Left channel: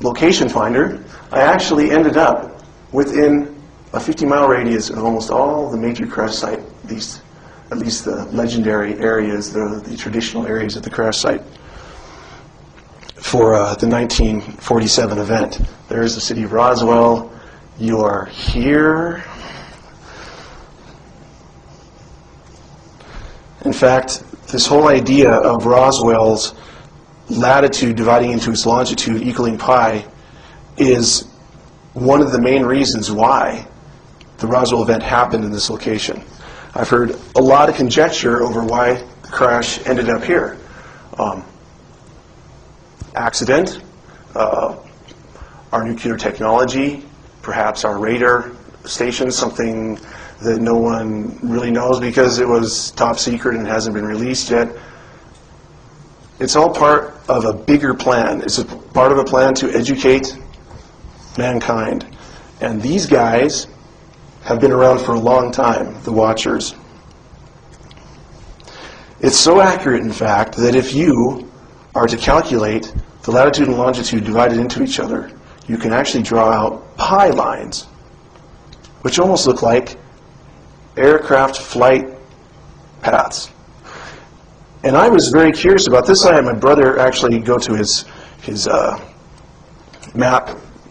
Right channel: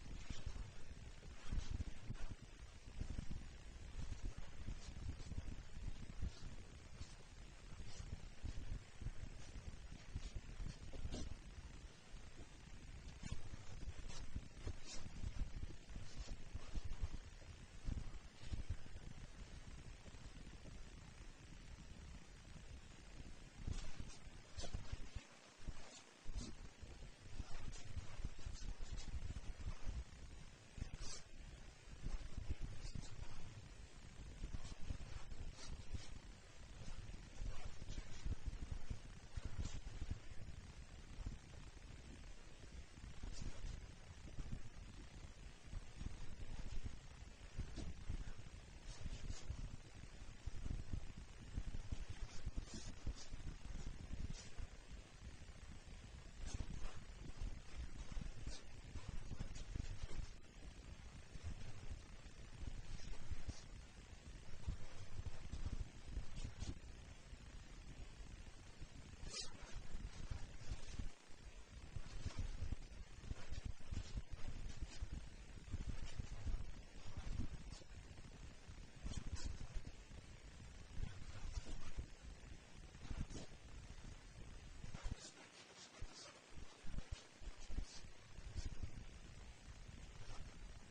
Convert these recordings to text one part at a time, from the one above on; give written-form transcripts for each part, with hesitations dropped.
location finder, I actually ended up within a 50-mile radius of almost all the major crash site, at least the legendary areas, the traditional areas of the crash site for the 1947 event. There's the city of Roswell. You are here. In fact, this whole idea of Roswell's latitude dividing into its longitude equaling pi is one of the main reasons why the Roswell event happened in this location. I've heard a lot of conjecture over why the crash ended up here. Accident, our nuclear technology, perhaps our radar station, something that no one really knows because it was top secret and hasn't been released yet. It's all part of a bigger plan. It's a part of a plan to educate mankind. And these guys have been around for a long time, the Watchers. It's so accurate, in fact, that if you are to calculate the latitude and longitude divided into each other, you can actually draw out pi lines, which almost look like aircraft flight paths. And I was very curious about this. I had my brother actually go to his map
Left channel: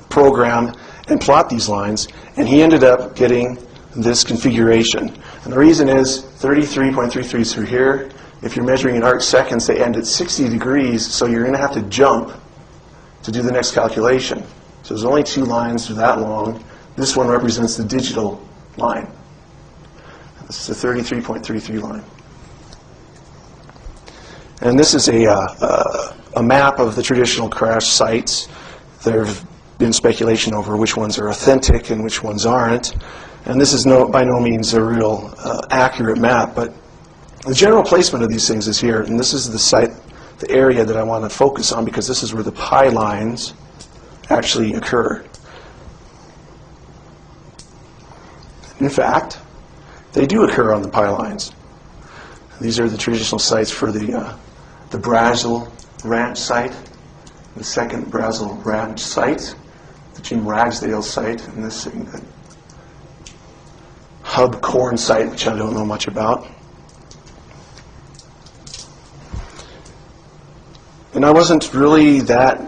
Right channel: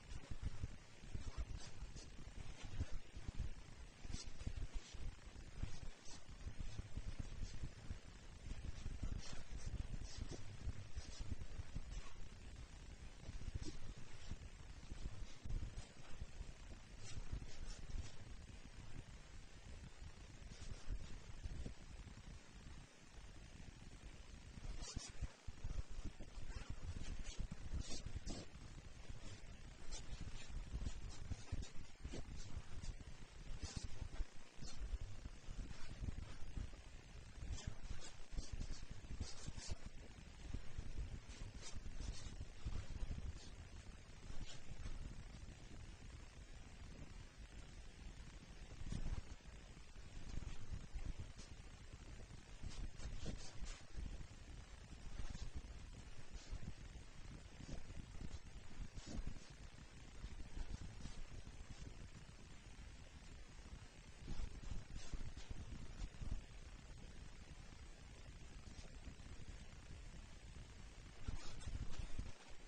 program and plot these lines, and he ended up getting this configuration. And the reason is 33.33 through here. If you're measuring in arc seconds, they end at 60 degrees, so you're going to have to jump to do the next calculation. So there's only two lines that are that long. This one represents the digital line. This is the 33.33 line. And this is a map of the traditional crash sites. There have been speculation over which ones are authentic and which ones aren't. And this is by no means a real accurate map, but the general placement of these things is here. And this is the site, the area that I want to focus on, because this is where the pi lines actually occur. In fact, they do occur on the pi lines. These are the traditional sites for the Brazil Ranch site, the second Brazil Ranch site, the Jim Ragsdale site, and this Hub Corn site, which I don't know much about. And I wasn't really that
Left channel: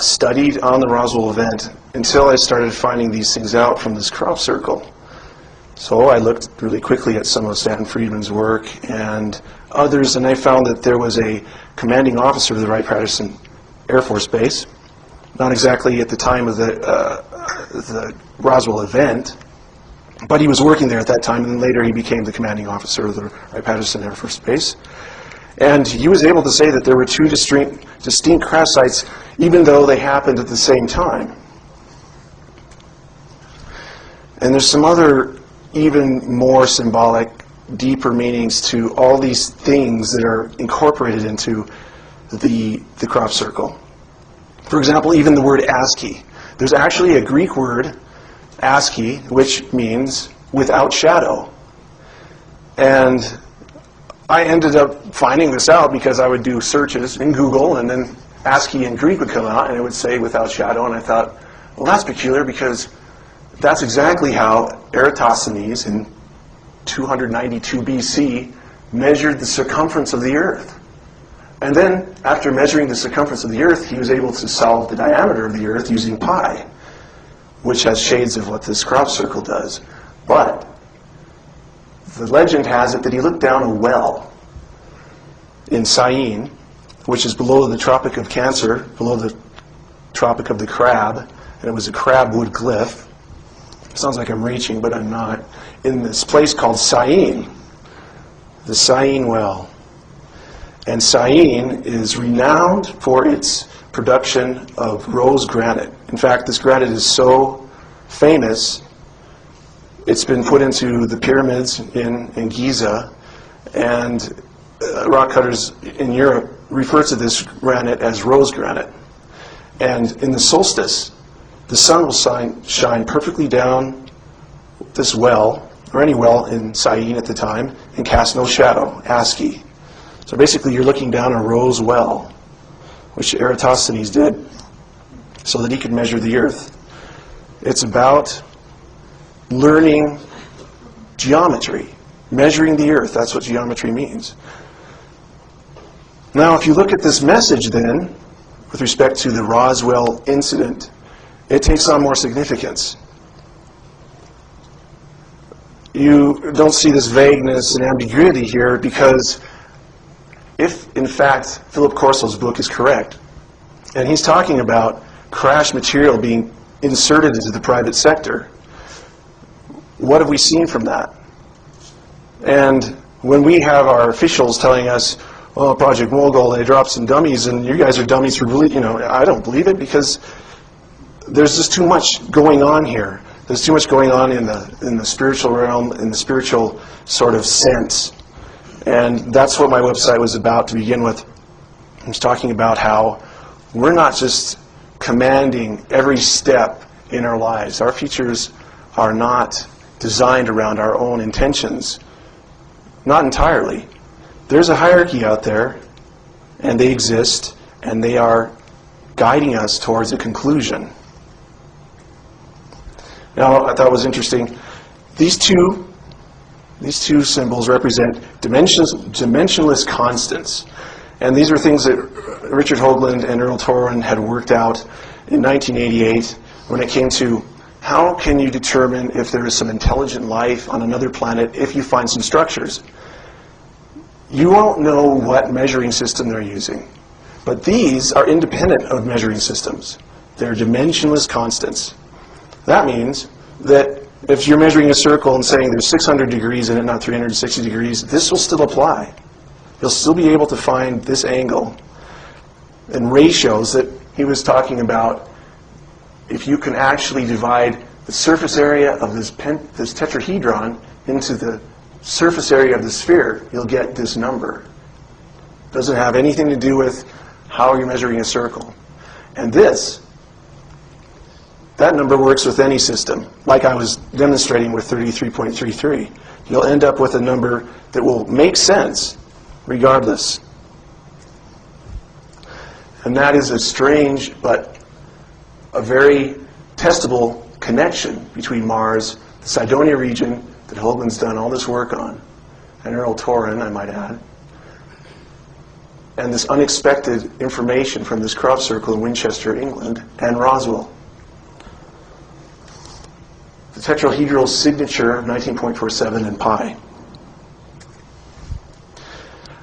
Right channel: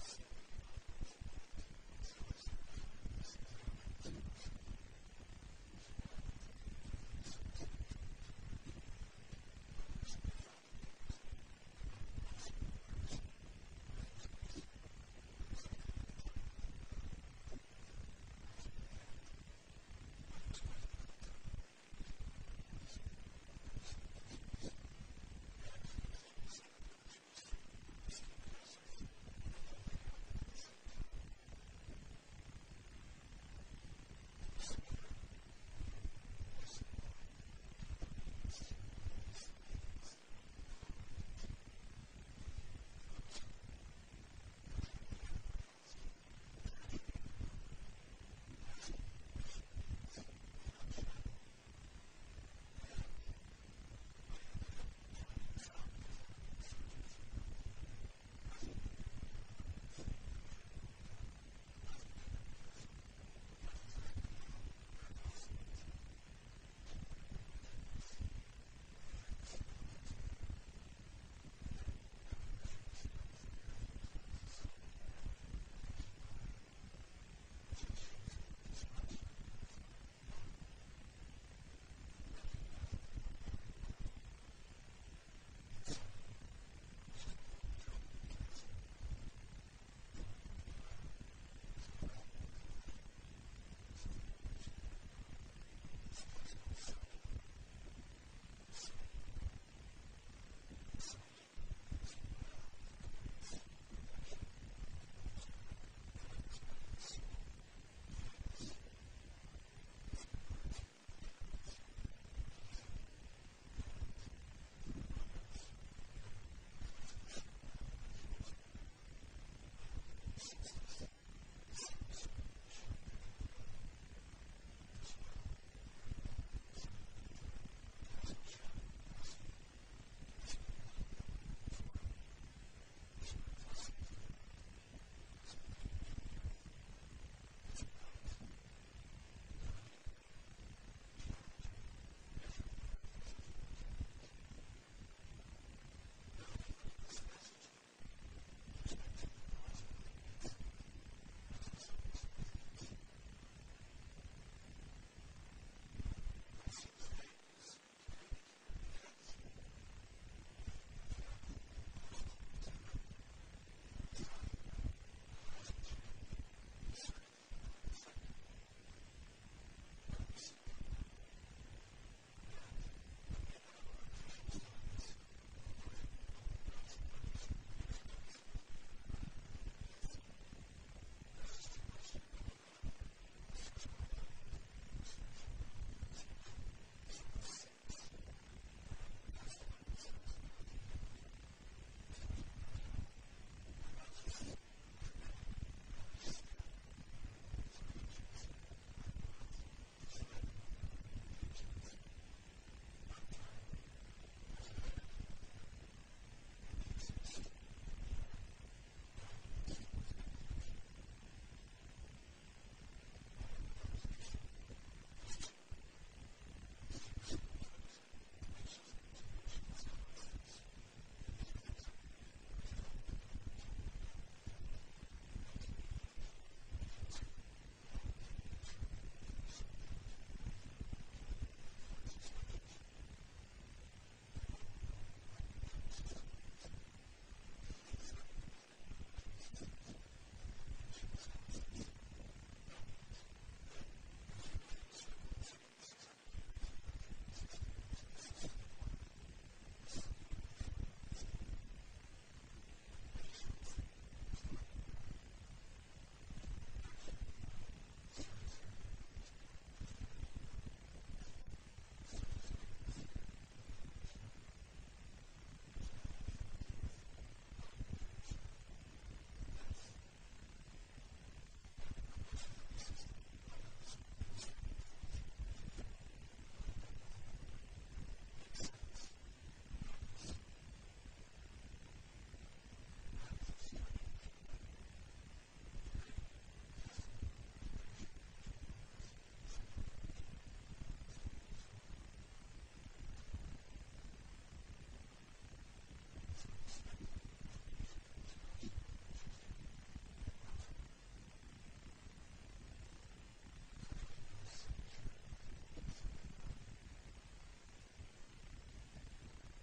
studied on the Roswell event until I started finding these things out from this crop circle. So I looked really quickly at some of Stanton Friedman's work and others, and I found that there was a commanding officer of the Wright-Patterson Air Force Base, not exactly at the time of the Roswell event, but he was working there at that time, and then later he became the commanding officer of the Wright-Patterson Air Force Base. And he was able to say that there were two distinct crash sites, even though they happened at the same time. And there's some other even more symbolic, deeper meanings to all these things that are incorporated into the crop circle. For example, even the word ASCII. There's actually a Greek word, ASCII, which means without shadow. And I ended up finding this out because I would do searches in Google, and then ASCII in Greek would come out, and it would say without shadow, and I thought, well, that's peculiar because that's exactly how Eratosthenes in 292 BC measured the circumference of the Earth. And then, after measuring the circumference of the Earth, he was able to solve the diameter of the Earth using pi, which has shades of what this crop circle does. But the legend has it that he looked down a well in Syene, which is below the Tropic of Cancer, below the Tropic of the Crab, and it was a crabwood glyph. Sounds like I'm reaching, but I'm not. In this place called Syene, the Syene well. And Syene is renowned for its production of rose granite. In fact, this granite is so famous, it's been put into the pyramids in Giza, and rock cutters in Europe refer to this granite as rose granite. And in the solstice, the sun will shine perfectly down this well, or any well in Syene at the time, and cast no shadow, ASCII. So basically you're looking down a rose well, which Eratosthenes did. so that he could measure the Earth. It's about learning geometry, measuring the Earth. That's what geometry means. Now, if you look at this message then, with respect to the Roswell incident, it takes on more significance. You don't see this vagueness and ambiguity here because if, in fact, Philip Corso's book is correct, and he's talking about crash material being inserted into the private sector, what have we seen from that? And when we have our officials telling us, oh, Project Mogul, they dropped some dummies, and you guys are dummies for believing, I don't believe it because there's just too much going on here. There's too much going on in the spiritual realm, in the spiritual sort of sense. And that's what my website was about to begin with. I was talking about how we're not just commanding every step in our lives. Our futures are not designed around our own intentions. Not entirely. There's a hierarchy out there, and they exist, and they are guiding us towards a conclusion. Now, I thought it was interesting. These two symbols represent dimensionless constants. And these are things that Richard Hoagland and Earl Torren had worked out in 1988 when it came to how can you determine if there is some intelligent life on another planet if you find some structures. You won't know what measuring system they're using, but these are independent of measuring systems. They're dimensionless constants. That means that if you're measuring a circle and saying there's 600 degrees in it, not 360 degrees, this will still apply. You'll still be able to find this angle. And ratios that he was talking about, if you can actually divide the surface area of this tetrahedron into the surface area of the sphere, you'll get this number. It doesn't have anything to do with how you're measuring a circle. And that number works with any system, like I was demonstrating with 33.33. You'll end up with a number that will make sense regardless. And that is a strange but a very testable connection between Mars, the Cydonia region that Hoagland's done all this work on, and Earl Torren, I might add, and this unexpected information from this crop circle in Winchester, England, and Roswell. The tetrahedral signature of 19.47 and pi.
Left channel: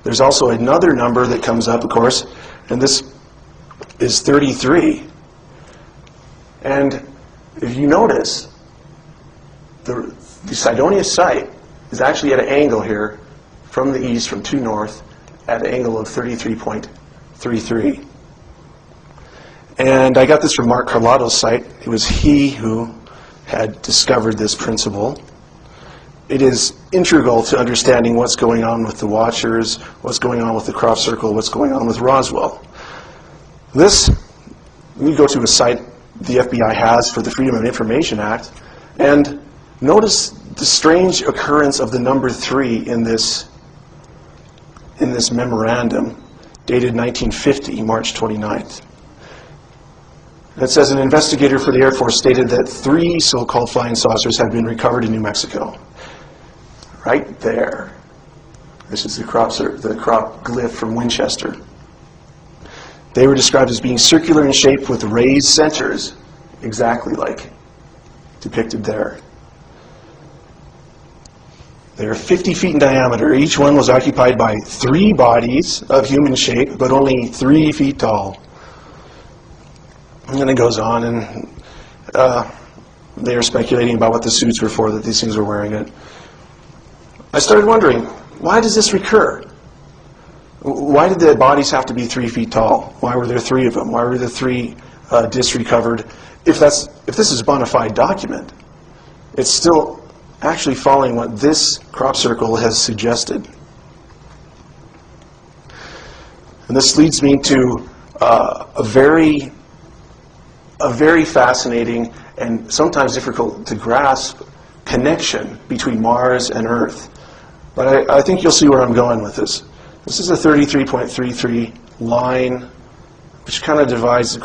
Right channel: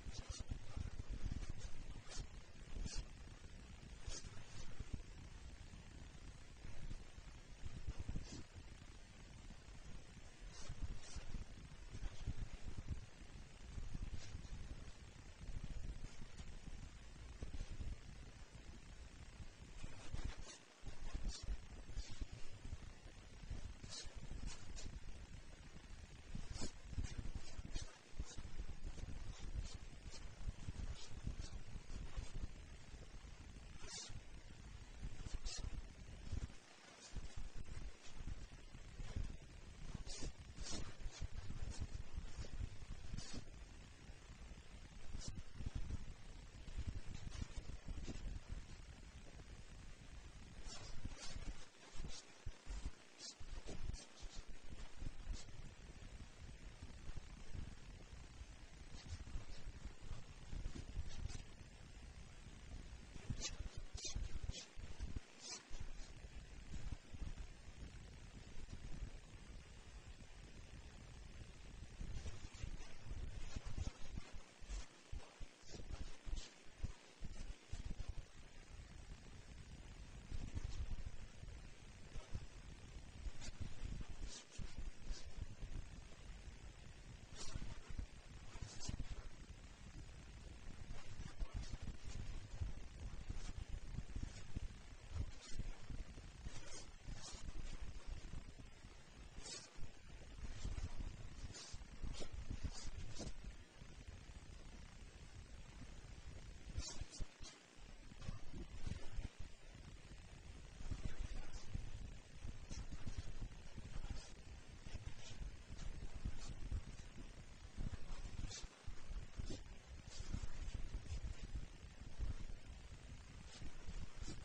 There's also another number that comes up, of course, and this is 33. And if you notice, the Cydonia site is actually at an angle here from the east, from true north, at an angle of 33.33. And I got this from Mark Carlotto's site. It was he who had discovered this principle. It is integral to understanding what's going on with the Watchers, what's going on with the crop circle, what's going on with Roswell. We go to a site the FBI has for the Freedom of Information Act, and notice the strange occurrence of the number 3 in this memorandum, dated 1950, March 29th. It says an investigator for the Air Force stated that 3 so-called flying saucers had been recovered in New Mexico. Right there. This is the crop glyph from Winchester. They were described as being circular in shape with raised centers, exactly like depicted there. They are 50 feet in diameter. Each one was occupied by 3 bodies of human shape, but only 3 feet tall. And then it goes on, and they are speculating about what the suits were for, that these things were wearing it. I started wondering, why does this recur? Why did the bodies have to be 3 feet tall? Why were there 3 of them? Why were the 3 discs recovered? If this is a bona fide document, it's still actually following what this crop circle has suggested. And this leads me to a very fascinating and sometimes difficult to grasp connection between Mars and Earth. But I think you'll see where I'm going with this. This is a 33.33 line, which kind of divides the